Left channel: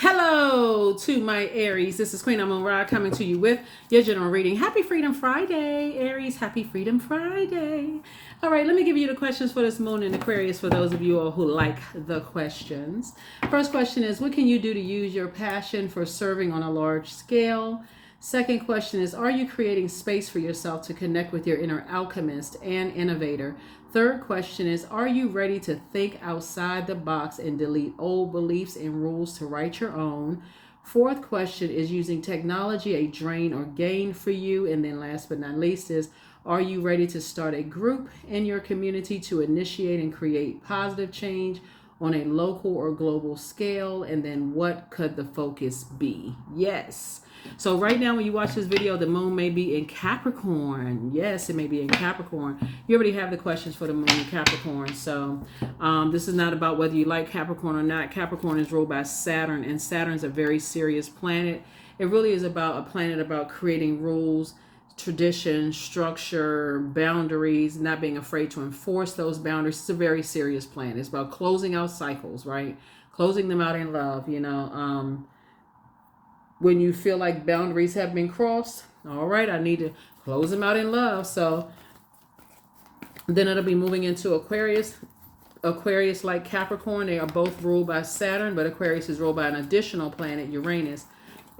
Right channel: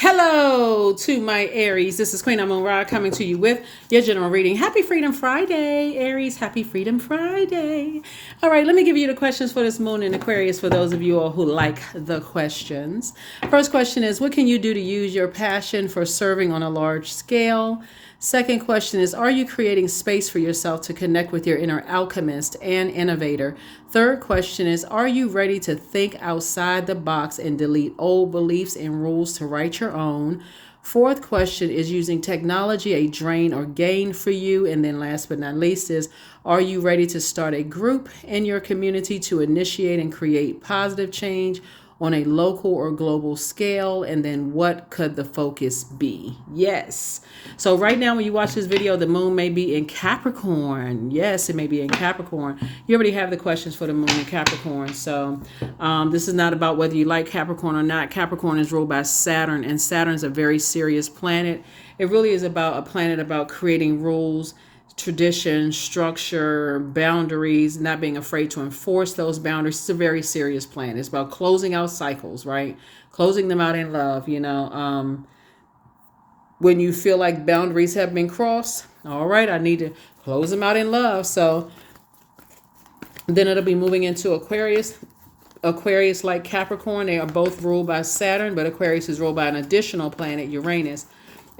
Hello to my Aries. This is Queen Amun Ra coming to you with your general reading. Happy Freedom Friday, Aries. Happy Freedom Friday. All right, let me give you the questions for this moon in Aquarius for those of you all who like the questions. First question is, what can you do to use your passion for serving on a large scale? Second question is, are you creating space for yourself to connect with your inner alchemist and innovator? Third question is, are you ready to think outside the box and delete old beliefs and rules to write your own? Fourth question is, using technology a drain or gain for you? And then last but not least is, are you ready to start a group in your community to initiate and create positive change on a local or global scale? And then what could the focus be? Yes. So right now when you watch this video, the moon may be in Capricorn. Yes, it may be in Capricorn. You already have the questions for the moon in Capricorn. So this is not about whether you like Capricorn or not. Capricorn is ruled by Saturn, and Saturn's a very serious planet. It really is about a planet about creating rules, tradition, structure, boundaries, not being afraid to enforce those boundaries. It's a very serious planet. It's about closing out cycles, right? Closing them out in love, when you feel like boundaries have been crossed, all right, I need to close them out in love. So then it'll be moving into Aquarius. Aquarius, like Capricorn, they are both ruled by Saturn, but Aquarius is ruled by an additional planet, Uranus.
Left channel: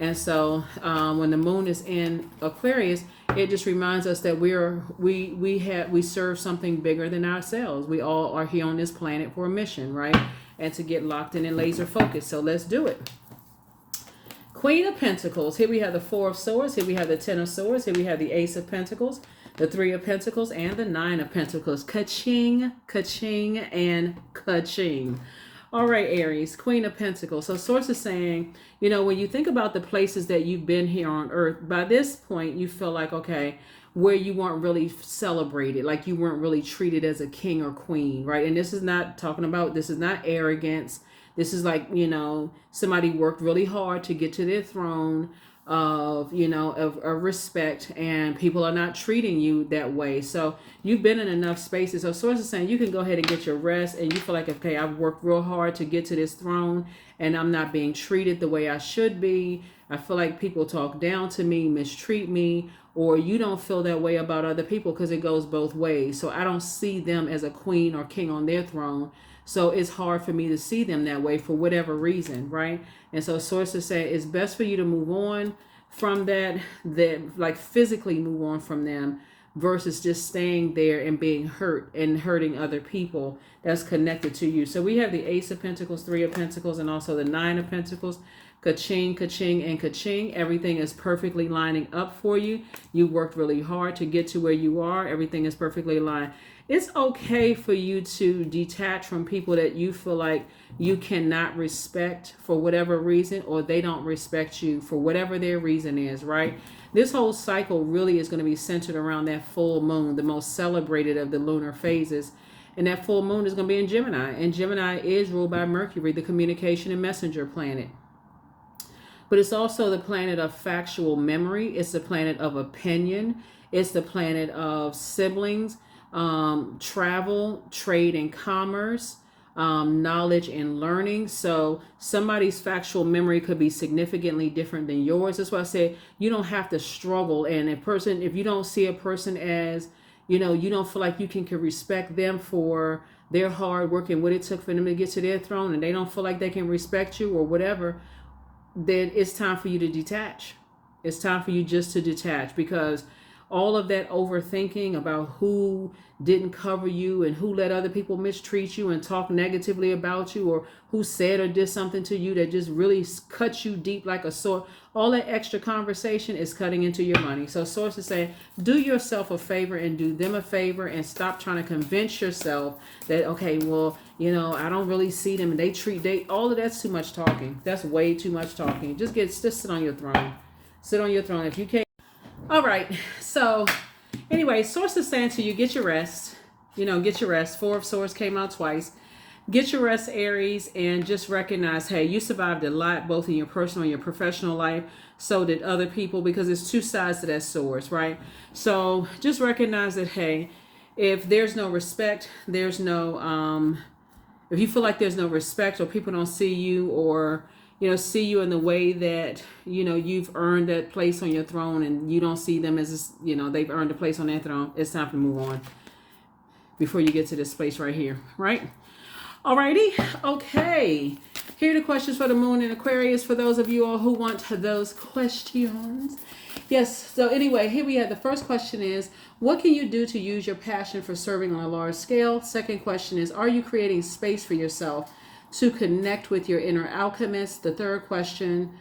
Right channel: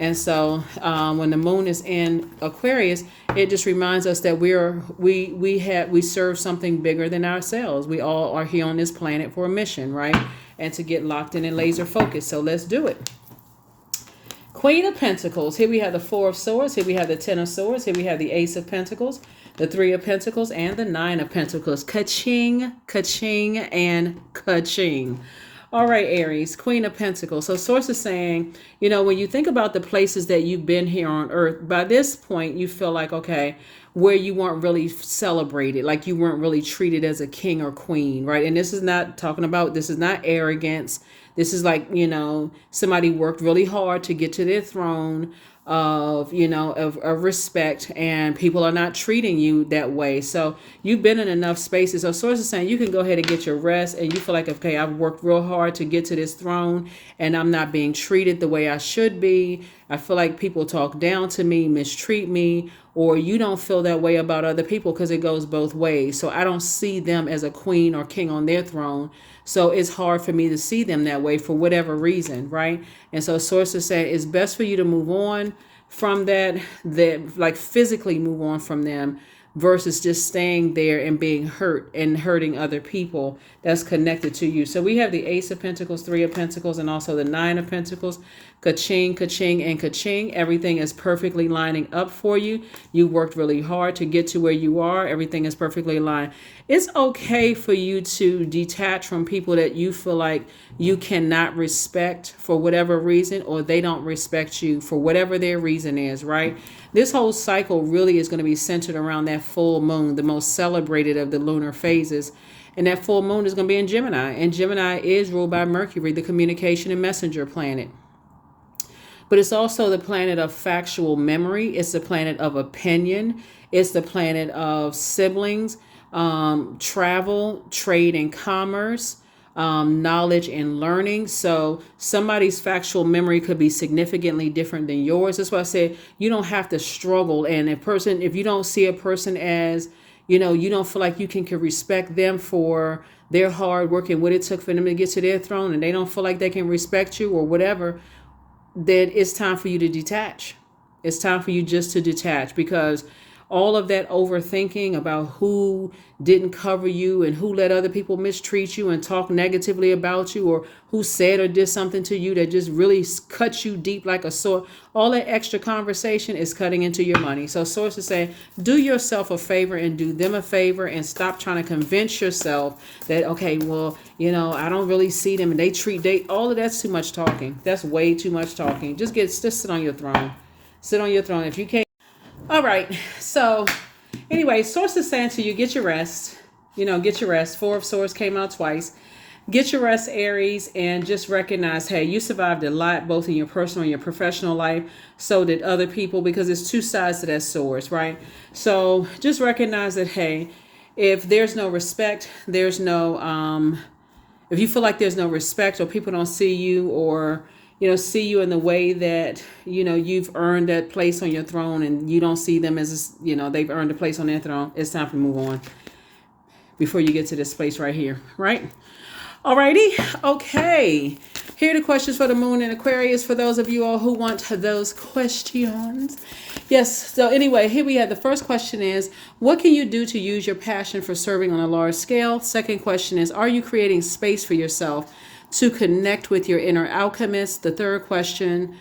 And so when the moon is in Aquarius, it just reminds us that we serve something bigger than ourselves. We all are here on this planet for a mission, right? And to get locked in and laser focused. So let's do it. Queen of Pentacles. Here we have the Four of Swords. Here we have the Ten of Swords. Here we have the Ace of Pentacles, the Three of Pentacles, and the Nine of Pentacles. Ka-ching, ka-ching, and ka-ching. All right, Aries, Queen of Pentacles. So Source is saying, when you think about the places that you've been here on Earth, by this point, you feel like, okay, where you weren't really celebrated, like you weren't really treated as a king or queen, right? And this is not arrogance. This is like, somebody worked really hard to get to their throne of respect, and people are not treating you that way. So you've been in enough spaces. So Source is saying you can go ahead and get your rest, and you feel like, okay, I've worked real hard to get to this throne and I'm not being treated the way I should be. I feel like people talk down to me, mistreat me, or you don't feel that way about other people, because it goes both ways. So I don't see them as a queen or king on their throne. So it's hard for me to see them that way for whatever reason, right? And so Sources say it's best for you to move on from that like physically move on from them, versus just staying there and being hurt and hurting other people that's connected to you. So we have the Ace of Pentacles, Three of Pentacles, and also the Nine of Pentacles. Ka-ching, ka-ching, and ka-ching. Everything is perfectly lining up for you. You worked really hard to get to where you are. Everything is perfectly aligned. It's okay for you to detach from people that you feel like you cannot respect for whatever reason, or they don't respect you for whatever their reason is, right? This whole cycle really is going to be centered around that full moon, the most celebrated of the lunar phases. And that full moon is going to be in Gemini. And Gemini is ruled by Mercury, the communication and messenger planet. But it's also the planet of factual memory. It's the planet of opinion. It's the planet of siblings, travel, trade and commerce, knowledge and learning. So somebody's factual memory could be significantly different than yours. That's why I said you don't have to struggle. And if you don't see a person as, you don't feel like you can respect them for their hard work and what it took for them to get to their throne, and they don't feel like they can respect you or whatever, then it's time for you to detach. It's time for you just to detach, because all of that overthinking about who didn't cover you and who let other people mistreat you and talk negatively about you, or who said or did something to you that just really cut you deep like a sword, all that extra conversation is cutting into your money. So Sources say, do yourself a favor and do them a favor, and stop trying to convince yourself that, okay, well, I don't really see them and all of that's too much talking. That's way too much talking. Just sit on your throne. Sit on your throne. If you can't. All right. So anyway, Sources saying to you, get your rest. Get your rest. Four of Swords came out twice. Get your rest, Aries, and just recognize, hey, you survived a lot, both in your personal and your professional life. So did other people, because it's two sides to that sword, right? So just recognize that, hey, if there's no respect, there's no, if you feel like there's no respect, or people don't see you, or see you in the way that, you've earned that place on your throne, and you don't see them as, they've earned a place on their throne. It's time to move on before you get to this place right here, right? Alrighty, okay. Here are the questions for the moon in Aquarius for those of you all who want those questions. Yes, so anyway, here we have the first question is, what can you do to use your passion for serving on a large scale? Second question is, are you creating space for yourself to connect with your inner alchemist? The third question,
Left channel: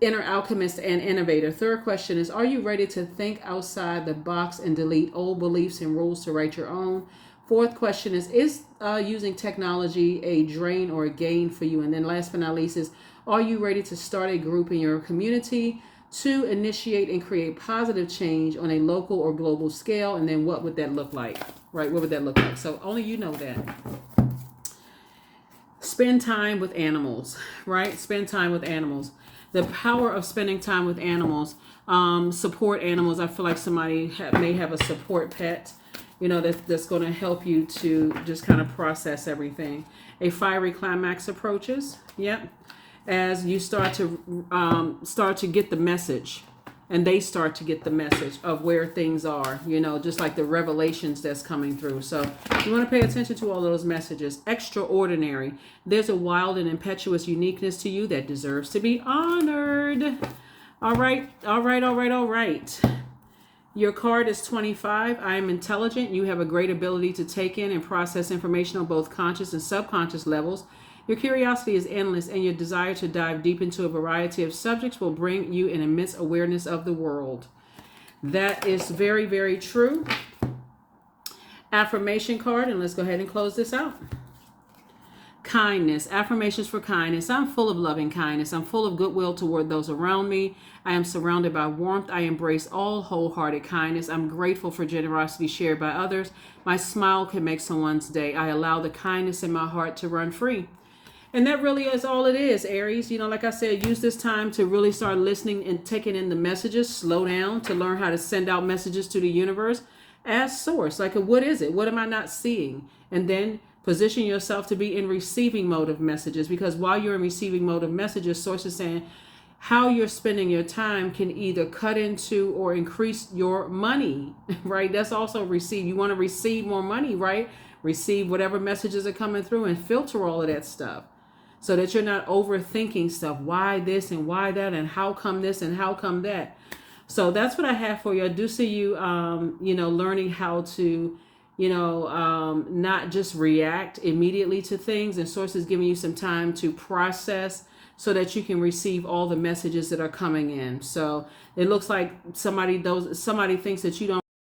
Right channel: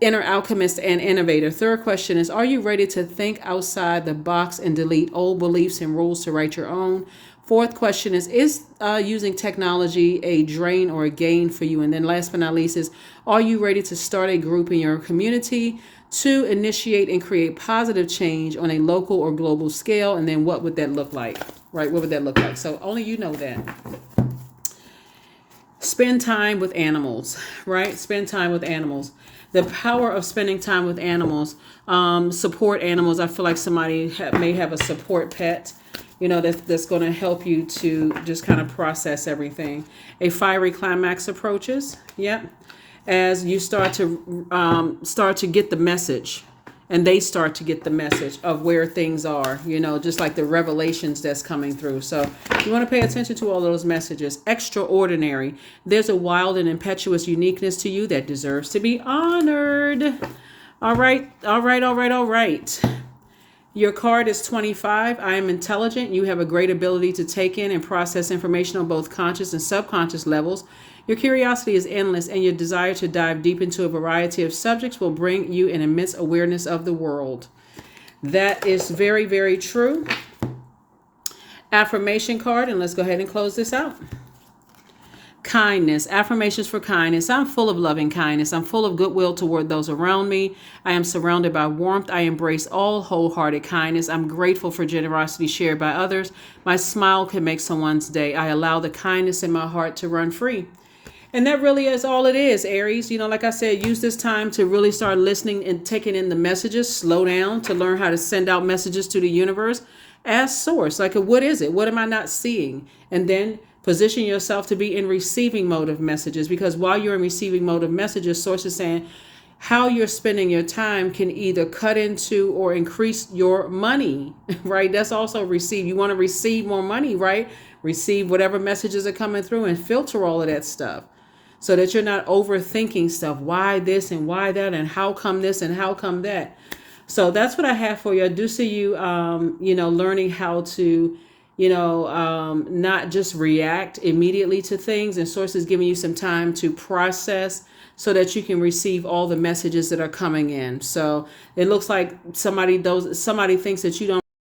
inner alchemist and innovator. Third question is, are you ready to think outside the box and delete old beliefs and rules to write your own? Fourth question is using technology a drain or a gain for you? And then last but not least is, are you ready to start a group in your community to initiate and create positive change on a local or global scale? And then what would that look like, right? What would that look like? So only you know that. Spend time with animals, right? Spend time with animals. The power of spending time with animals, support animals. I feel like somebody may have a support pet, that's going to help you to just kind of process everything. A fiery climax approaches. Yeah. As you start to get the message, and they start to get the message of where things are, just like the revelations that's coming through. So you want to pay attention to all those messages. Extraordinary. There's a wild and impetuous uniqueness to you that deserves to be honored. All right. Your card is 25. I am intelligent. You have a great ability to take in and process information on both conscious and subconscious levels. Your curiosity is endless, and your desire to dive deep into a variety of subjects will bring you an immense awareness of the world. That is very, very true. Affirmation card, and let's go ahead and close this out. Kindness. Affirmations for kindness. I'm full of loving kindness. I'm full of goodwill toward those around me. I am surrounded by warmth. I embrace all wholehearted kindness. I'm grateful for generosity shared by others. My smile can make someone's day. I allow the kindness in my heart to run free. And that really is all it is, Aries. Like I said, use this time to really start listening and taking in the messages. Slow down to learn how to send out messages to the universe. Ask source, like, what is it? What am I not seeing? And then position yourself to be in receiving mode of messages, because while you're in receiving mode of messages, source is saying how you're spending your time can either cut into or increase your money, right? That's also receive. You want to receive more money, right? Receive whatever messages are coming through and filter all of that stuff so that you're not overthinking stuff. Why this and why that and how come this and how come that? So that's what I have for you. I do see you, learning how to not just react immediately to things, and source is giving you some time to process so that you can receive all the messages that are coming in. So it looks like somebody thinks that you don't